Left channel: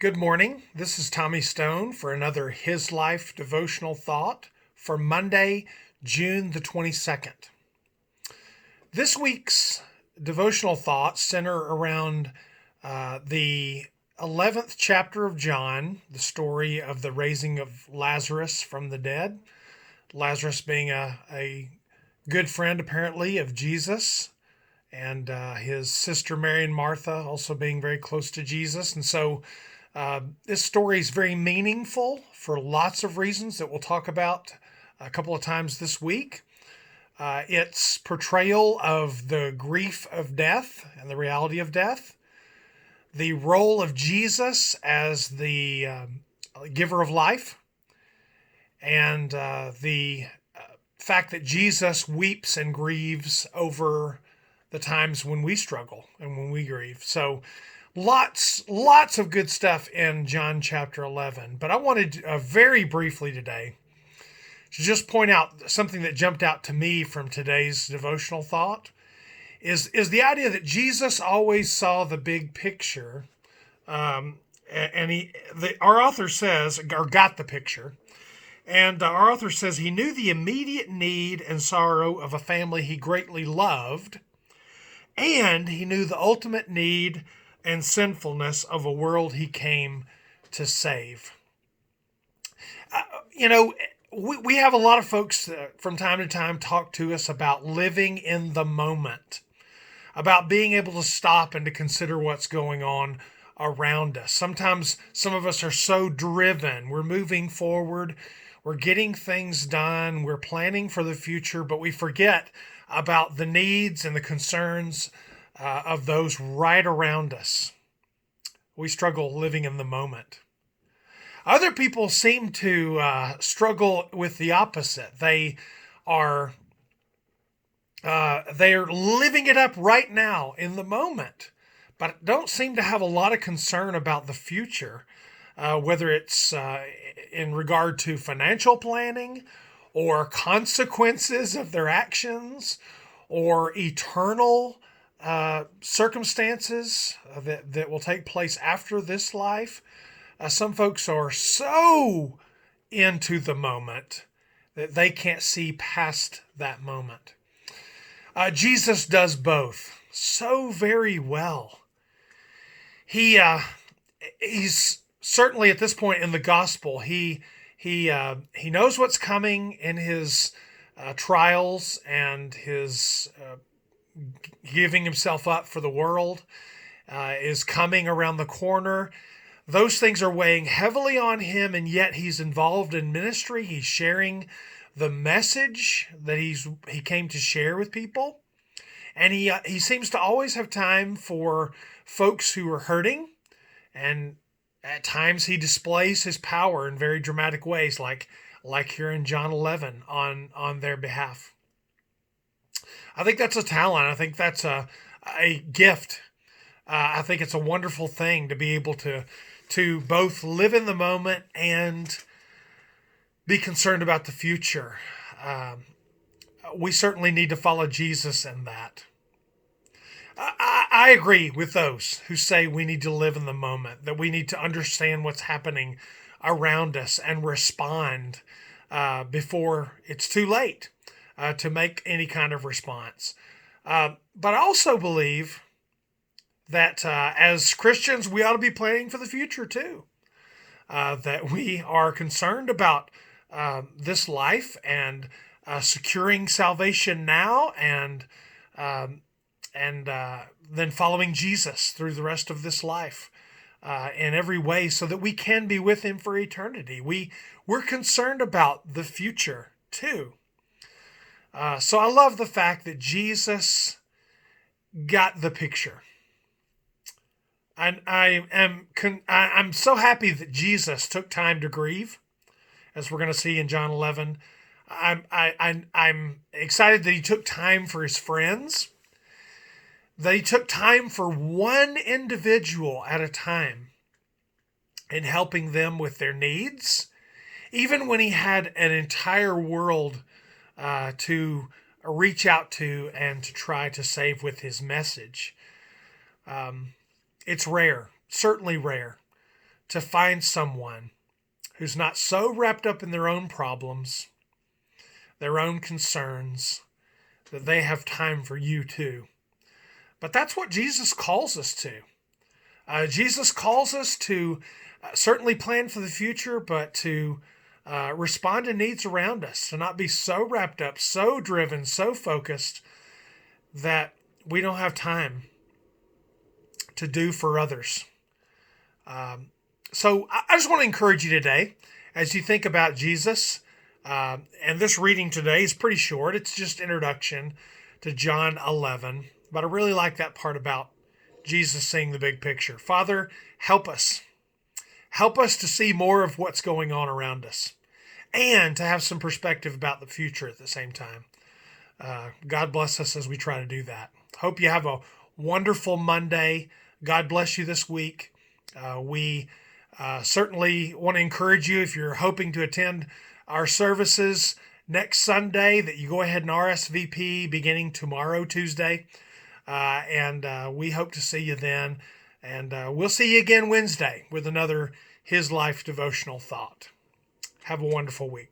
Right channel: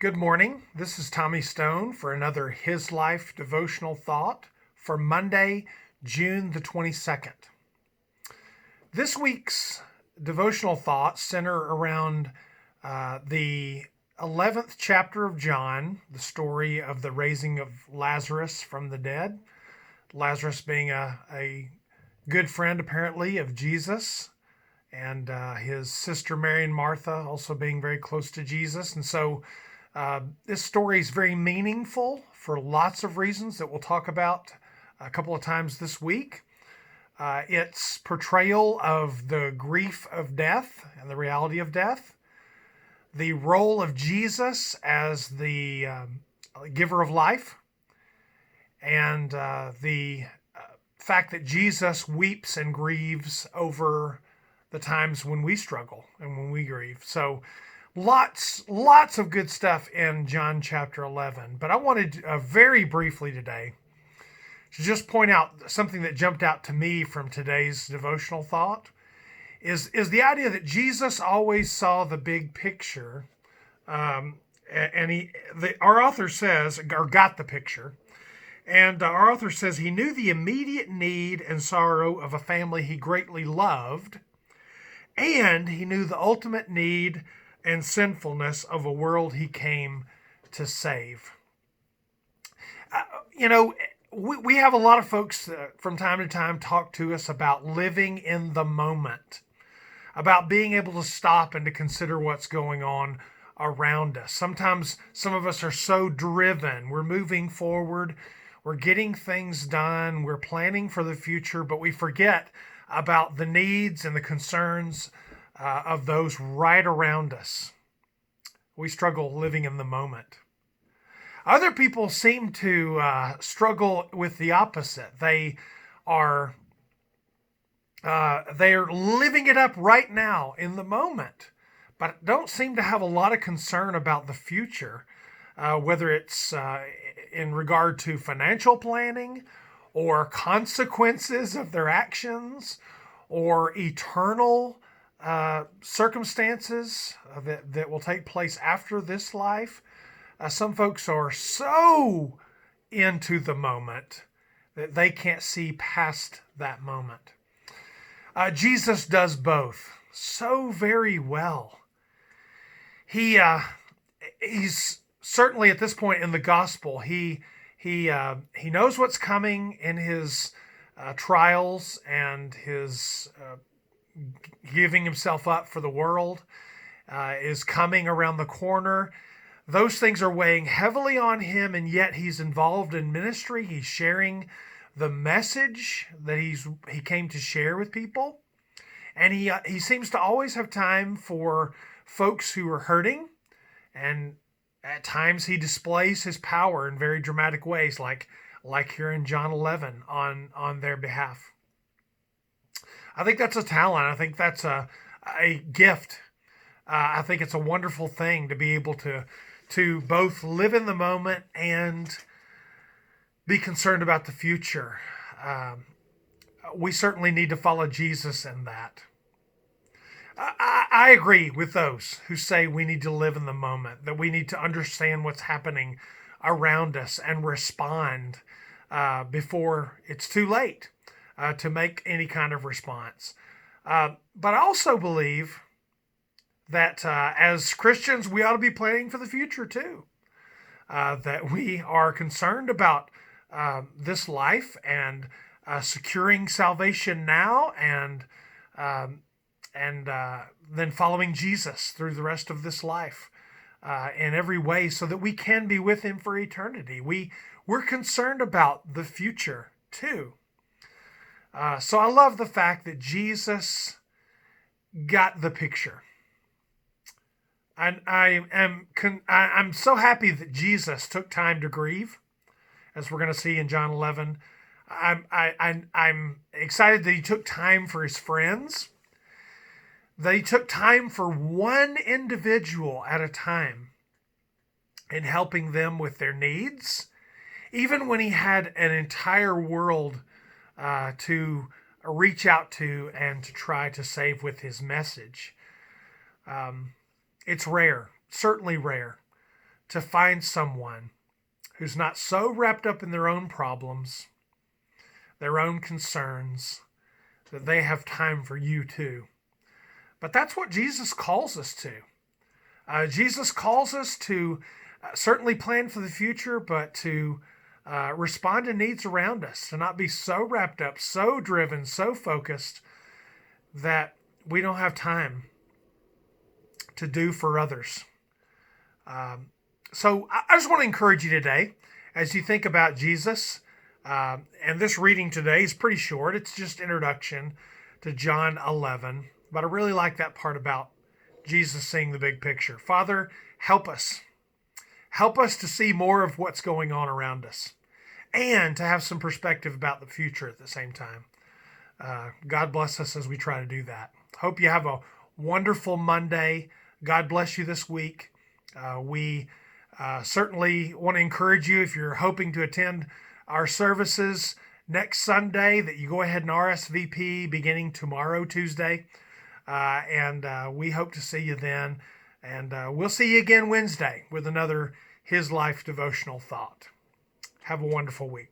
Good morning. This is Tommy Stone for another His Life devotional thought for Monday, June the 22nd. This week's devotional thoughts center around the 11th chapter of John, the story of the raising of Lazarus from the dead. Lazarus being a good friend, apparently, of Jesus, and his sister Mary and Martha also being very close to Jesus. And so this story is very meaningful for lots of reasons that we'll talk about a couple of times this week. Its portrayal of the grief of death and the reality of death, the role of Jesus as the giver of life, and the fact that Jesus weeps and grieves over the times when we struggle and when we grieve. So lots of good stuff in John chapter 11. But I wanted very briefly today to just point out something that jumped out to me from today's devotional thought is the idea that Jesus always saw the big picture. Our author says, or got the picture, and our author says he knew the immediate need and sorrow of a family he greatly loved, and he knew the ultimate need and sinfulness of a world he came to save. Uh, you know, we have a lot of folks from time to time talk to us about living in the moment, about being able to stop and to consider what's going on around us. Sometimes some of us are so driven, we're moving forward, we're getting things done, we're planning for the future, but we forget about the needs and the concerns of those right around us. We struggle living in the moment. Other people seem to struggle with the opposite. They're living it up right now in the moment, but don't seem to have a lot of concern about the future, whether it's in regard to financial planning or consequences of their actions or eternal circumstances that will take place after this life. Some folks are so into the moment that they can't see past that moment. Jesus does both so very well. He's certainly at this point in the gospel, he knows what's coming in his trials and his giving himself up for the world is coming around the corner. Those things are weighing heavily on him, and yet he's involved in ministry. He's sharing the message that he came to share with people, and he seems to always have time for folks who are hurting, and at times he displays his power in very dramatic ways, like here in John 11 on their behalf. I think that's a talent. I think that's a gift. I think it's a wonderful thing to be able to both live in the moment and be concerned about the future. We certainly need to follow Jesus in that. I agree with those who say we need to live in the moment, that we need to understand what's happening around us and respond before it's too late to make any kind of response. But I also believe that as Christians, we ought to be planning for the future too. That we are concerned about this life and securing salvation now, and then following Jesus through the rest of this life in every way, so that we can be with Him for eternity. We're concerned about the future too. So I love the fact that Jesus got the picture. And I'm so happy that Jesus took time to grieve, as we're going to see in John 11. I'm excited that he took time for his friends, that he took time for one individual at a time in helping them with their needs, even when he had an entire world to reach out to and to try to save with his message. It's rare, certainly rare, to find someone who's not so wrapped up in their own problems, their own concerns, that they have time for you too. But that's what Jesus calls us to. Jesus calls us to certainly plan for the future, but to respond to needs around us, to not be so wrapped up, so driven, so focused that we don't have time to do for others. So I just want to encourage you today as you think about Jesus. And this reading today is pretty short. It's just introduction to John 11. But I really like that part about Jesus seeing the big picture. Father, help us. Help us to see more of what's going on around us and to have some perspective about the future at the same time. God bless us as we try to do that. Hope you have a wonderful Monday. God bless you this week. We certainly want to encourage you, if you're hoping to attend our services next Sunday, that you go ahead and RSVP beginning tomorrow, Tuesday. And we hope to see you then. And we'll see you again Wednesday with another His Life devotional thought. Have a wonderful week.